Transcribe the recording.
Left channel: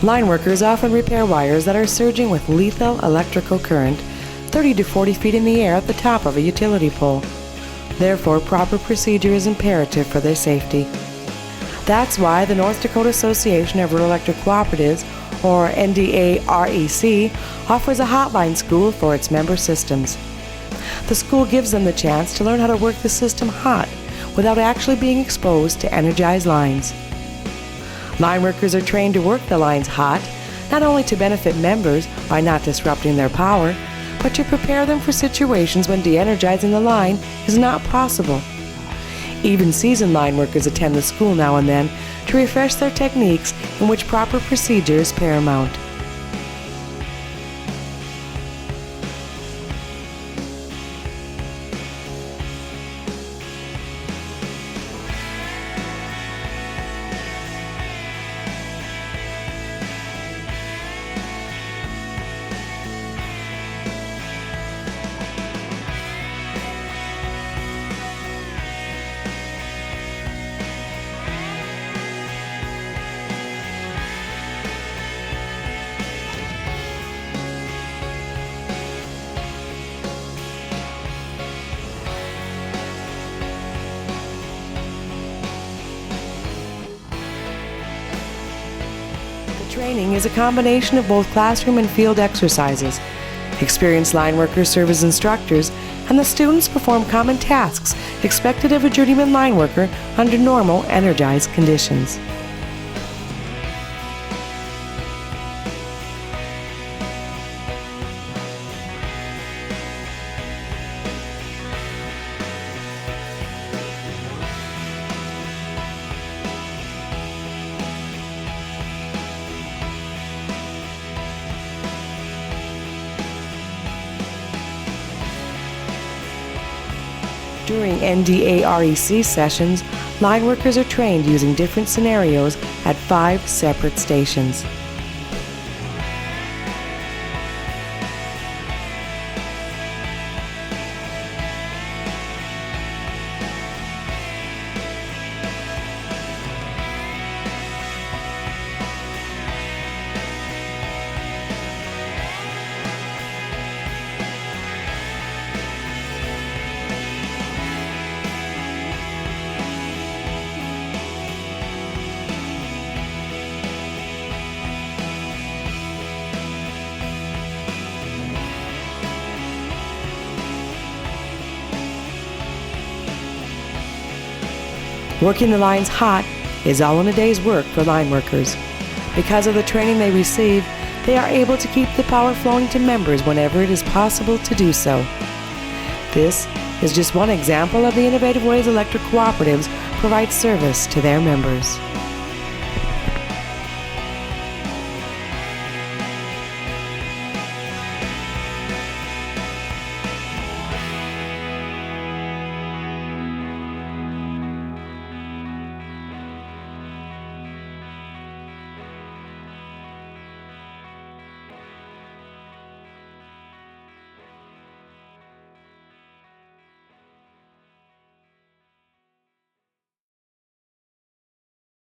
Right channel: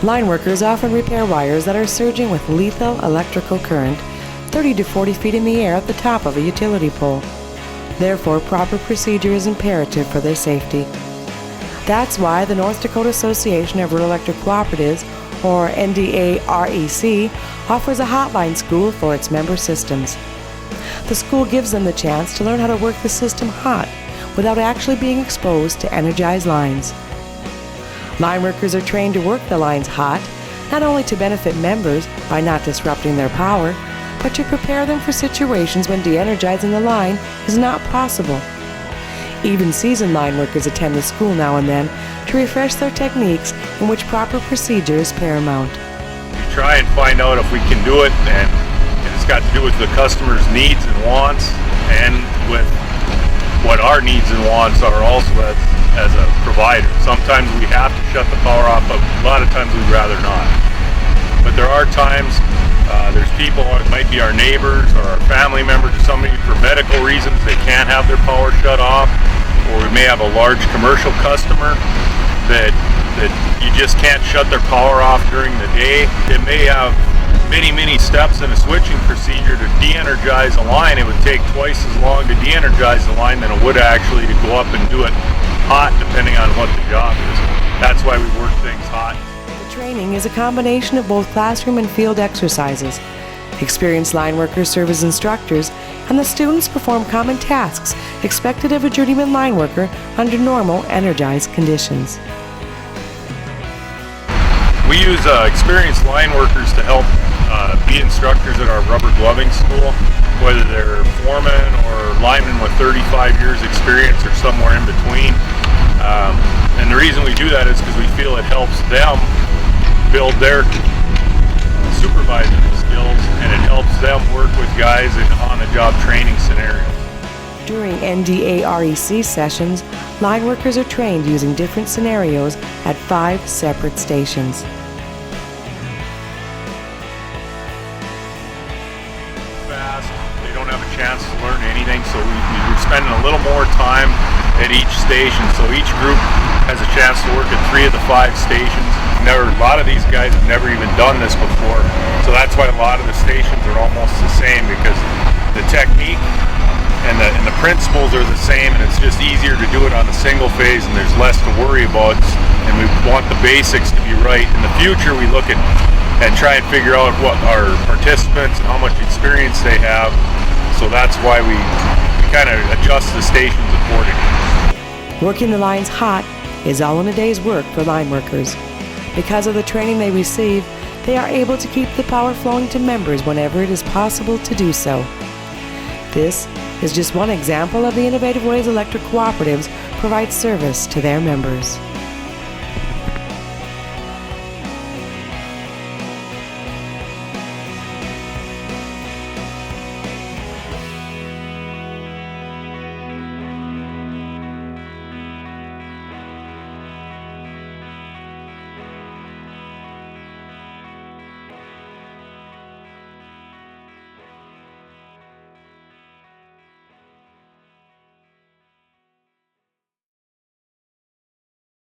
Line workers often repair wires that are surging with lethal electrical current 30 to 40 feet in the air at the top of a utility pole. Therefore, proper procedure is imperative for their safety. That's why the North Dakota Association of Rural Electric Cooperatives, or NDaREC, offers a hotline school for its member systems. The school gives them the chance to learn how to work the system hot without actually being exposed to energized lines. Line workers are trained to work the lines hot, not only to benefit members by not disrupting their power, but to prepare them for situations when de-energizing the line is not possible. Even seasoned line workers attend the school now and then to refresh their techniques in which proper procedure is paramount. We try and find out if we can do it, and it's got to do with the customer's needs and wants, and with what our needs and wants are also as a provider. Sometimes we have to shut the power off, but a lot of times we'd rather not. But there are times there's people, it might be our neighbors or our family members or somebody for medical reasons they can't have their power shut off, or we may have a large commercial customer that you just can't shut their power off during the day. It may have many steps in a switching procedure to de-energize a line. It would take twice as long to de-energize the line than it would actually to go up and do it hot, depending on what the job is. That's why we work things hot. The training is a combination of both classroom and field exercises. Experienced line workers serve as instructors, and the students perform common tasks expected of a journeyman line worker under normal, energized conditions. We use experienced line workers to help be instructors at our rubber gloving school, whether they're foremen or linemen with 35 years experience or somewhere in between. And the reason we do that is because we feel it helps them build their supervisory skills, and it helps them work with guys in on-the-job training scenarios. During NDaREC sessions, line workers are trained using different scenarios at 5 separate stations. They don't have a chance to learn anything, so we're spending a little more time at each station, so each group has a chance to work at 3 of the 5 stations. A lot of these guys have never even done this before, so that's why a lot of the stations are almost the same, because the technique and the principles are the same, and it's just easier to do it on a single phase, and there's less to worry about, and we want the basics to be right. In the future, we look at and try and figure out what our participants, how much experience they have, so that's why we kind of adjust the stations accordingly. Working the lines hot is all in a day's work for line workers. Because of the training they receive, they are able to keep the power flowing to members whenever it is possible to do so. This is just one example of the innovative ways electric cooperatives provide service to their members.